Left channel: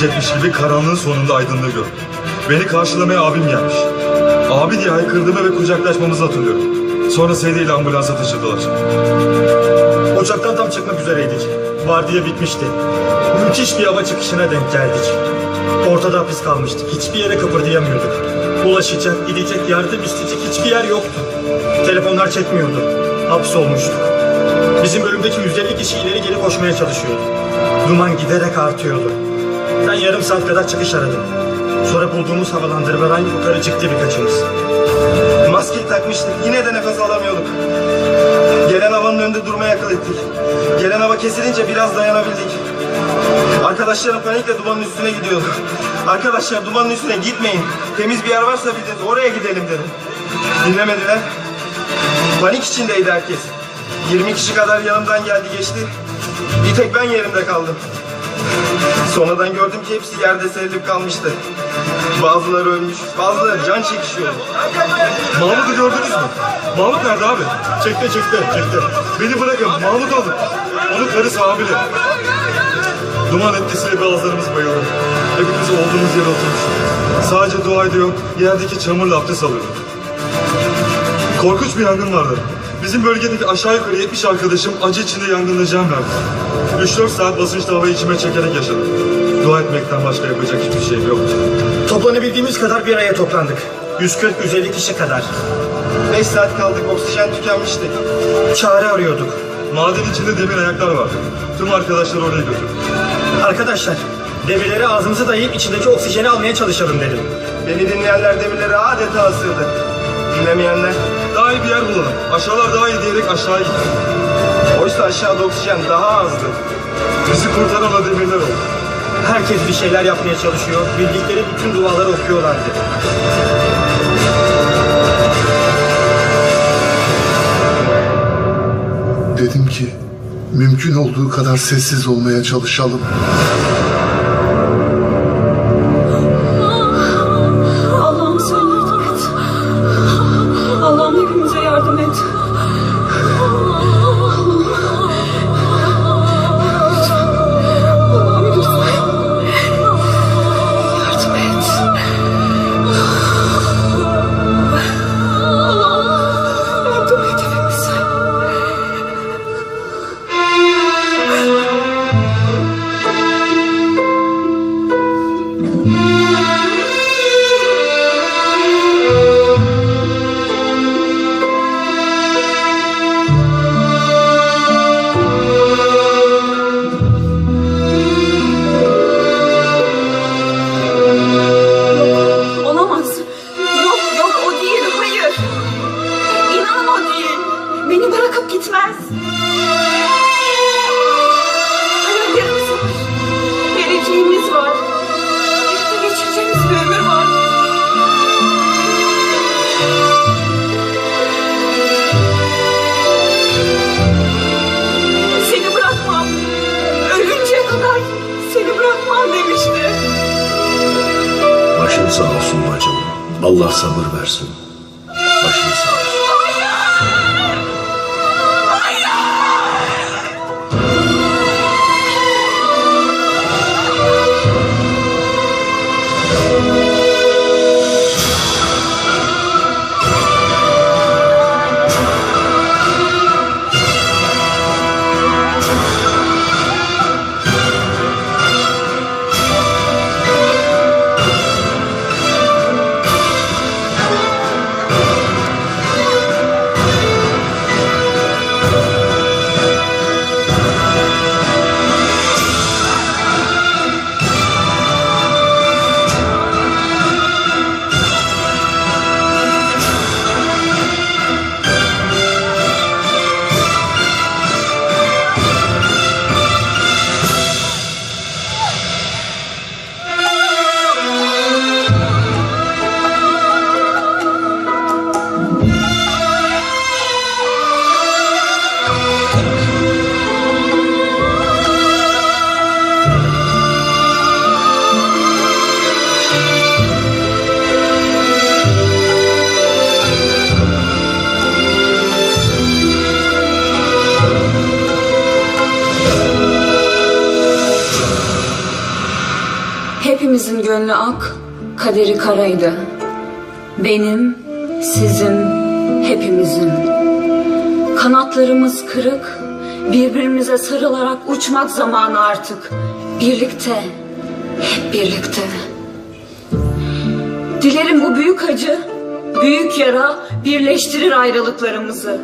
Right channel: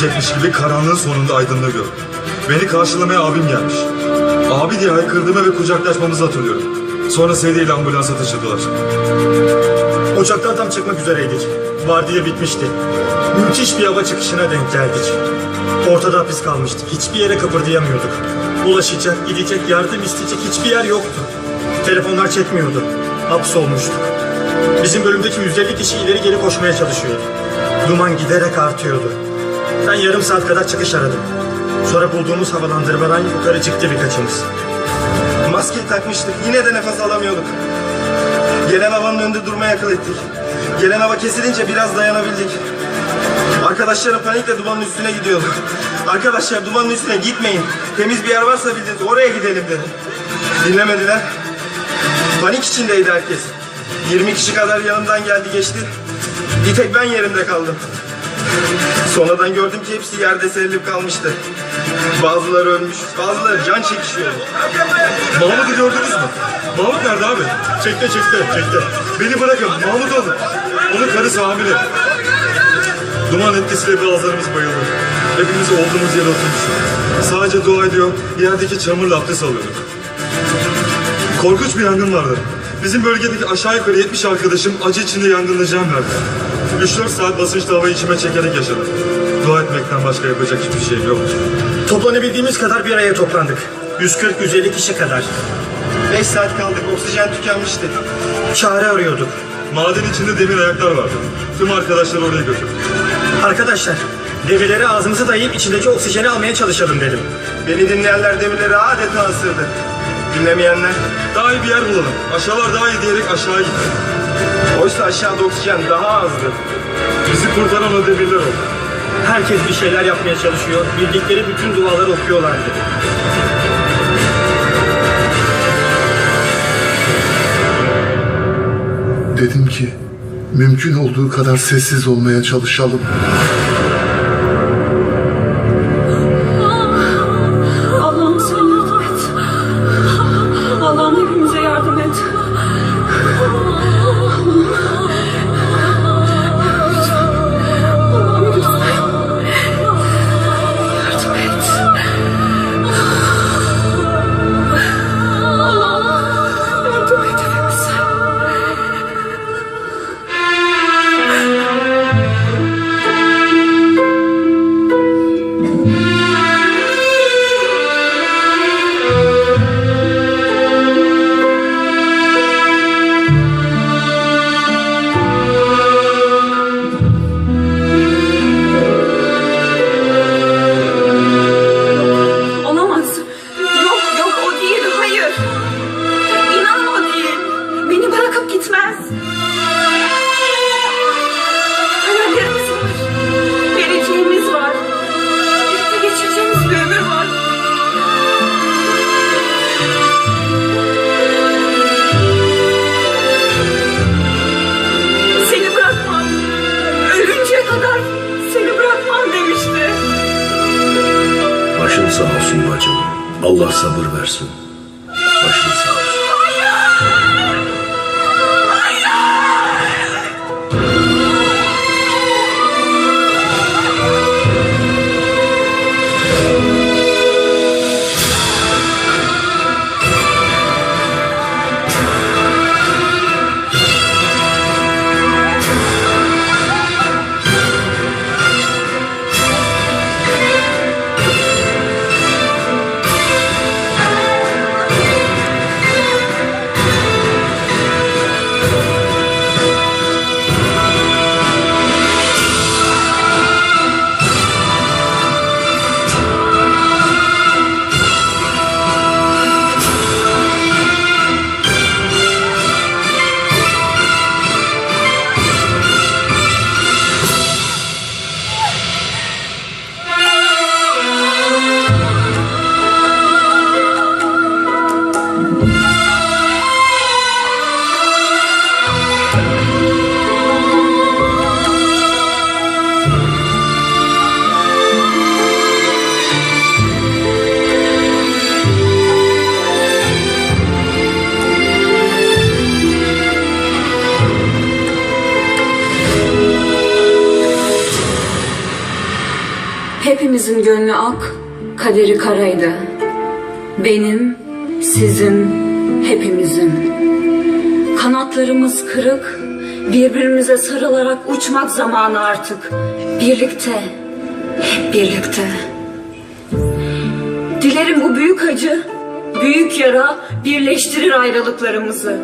bitmeyecekmiş gibi karanlığın sonunda aydınlığı gördüm. Beni karşılamaya abim gelmiş. Abi diye haykırdığımı ve kucaklaşmamızı hatırlıyorum. Sonra sedyeyle ambulansa taşıdılar. Ocaktan tam çıkmak üzereydik. Vardiya bitmişti. Müthiş bir hava çıkışına denk geldik. Ortada hapis kalmıştık. Hiçbir yere kıpırdayamıyorduk. Ulaşacak, gidecek, yardım isteyecek hiçbir yer yoktu. Telefonlar çekmiyordu. Hapsolmuştuk. Bizim bölümdeki 150 kişi ileri geri koşmaya çalışıyordu. Duman giderek artıyordu. Yarım saat kadar çıkış aradım. Sonra bulduğumuz havalandırmadan yukarı çıktı birkaçımız. Maske takmıştık. Yine de nefes alamıyorduk. Gelen havanın önünde durmaya akıl ettik. Gelen hava kesilince biraz dayanabildik. Arkadaşlarım panikle dumanın üstüne gidiyordu. Arkadaşlar dumanın üstüne gitmeyin. Temiz bir yer varsa bildiğiniz oraya gidelim dedim. Dinlemediler. Panik içindeydi herkes. 20 kişi kadar yanımdan geldi geçti. Bir tek ben yerimde kaldım. Sonradan gördüm ki hepsi yerde serilip kalmıştı. Bazıları ölmüş, bazıları can çekişiyordu. Mahmut'u gördünüz mü? Mahmut nerede abi? Çekti çekti çekti. Beni bırakın Mahmut onu. Onun karısı hamile. Duman etkisiyle bazılarımız bayıldı. Hepimiz olduğumuz yere oturmuşuz. Sadece dua ediyor, yerdeki çamurla abdest alıyorduk. Korkunç bir yangın vardı. Bizim bölgedeki aşağı yukarı 70 arkadaşım acı içinde yangında can verdi. 3-4 saat basınçlı havayı içime çekerek yaşadım. Dua etmekten başka yapacak hiçbir şey yoktu. Toplanabildiğimiz kadar bir araya toplandık. 140-150 kişi kadar. 5 saat kaldık, oksijen tükenmişti. Çare arıyorduk. Maden içinde demir ayaklar vardı. Tüm arkadaşlar oraya götürdü. Arkadaşlar, demirleri ağzımıza dayayıp içindeki oksijeni almaya çalışalım dedim. Beni dinleyenler demirleri adeta ısırdı. Dinlemeyenler, Daha iyi bir yer bulalım. Aşağılar daha iyi diyerek aşağı gitti. Oysa aşağıda oksijen daha azdı. Bizi kurtaran o. Herkes bir şeyler yapmaya çalışıyor. Bildikleri bütün duaları okuyorlardı. Dedim ki mümkün olduğu kadar sessiz olmaya çalışalım. Demişti. Başın sağ olsun bacım. Allah sabır versin. Gönlü ak, kaderi karaydı. Benim, sizin, hepimizin. Kanatlarımız kırık, birbirimize sarılarak uçmak zamanı artık. Birlikte, hep birlikte. Dilerim bu büyük acı, büyük yara birleştirir ayrılıklarımızı.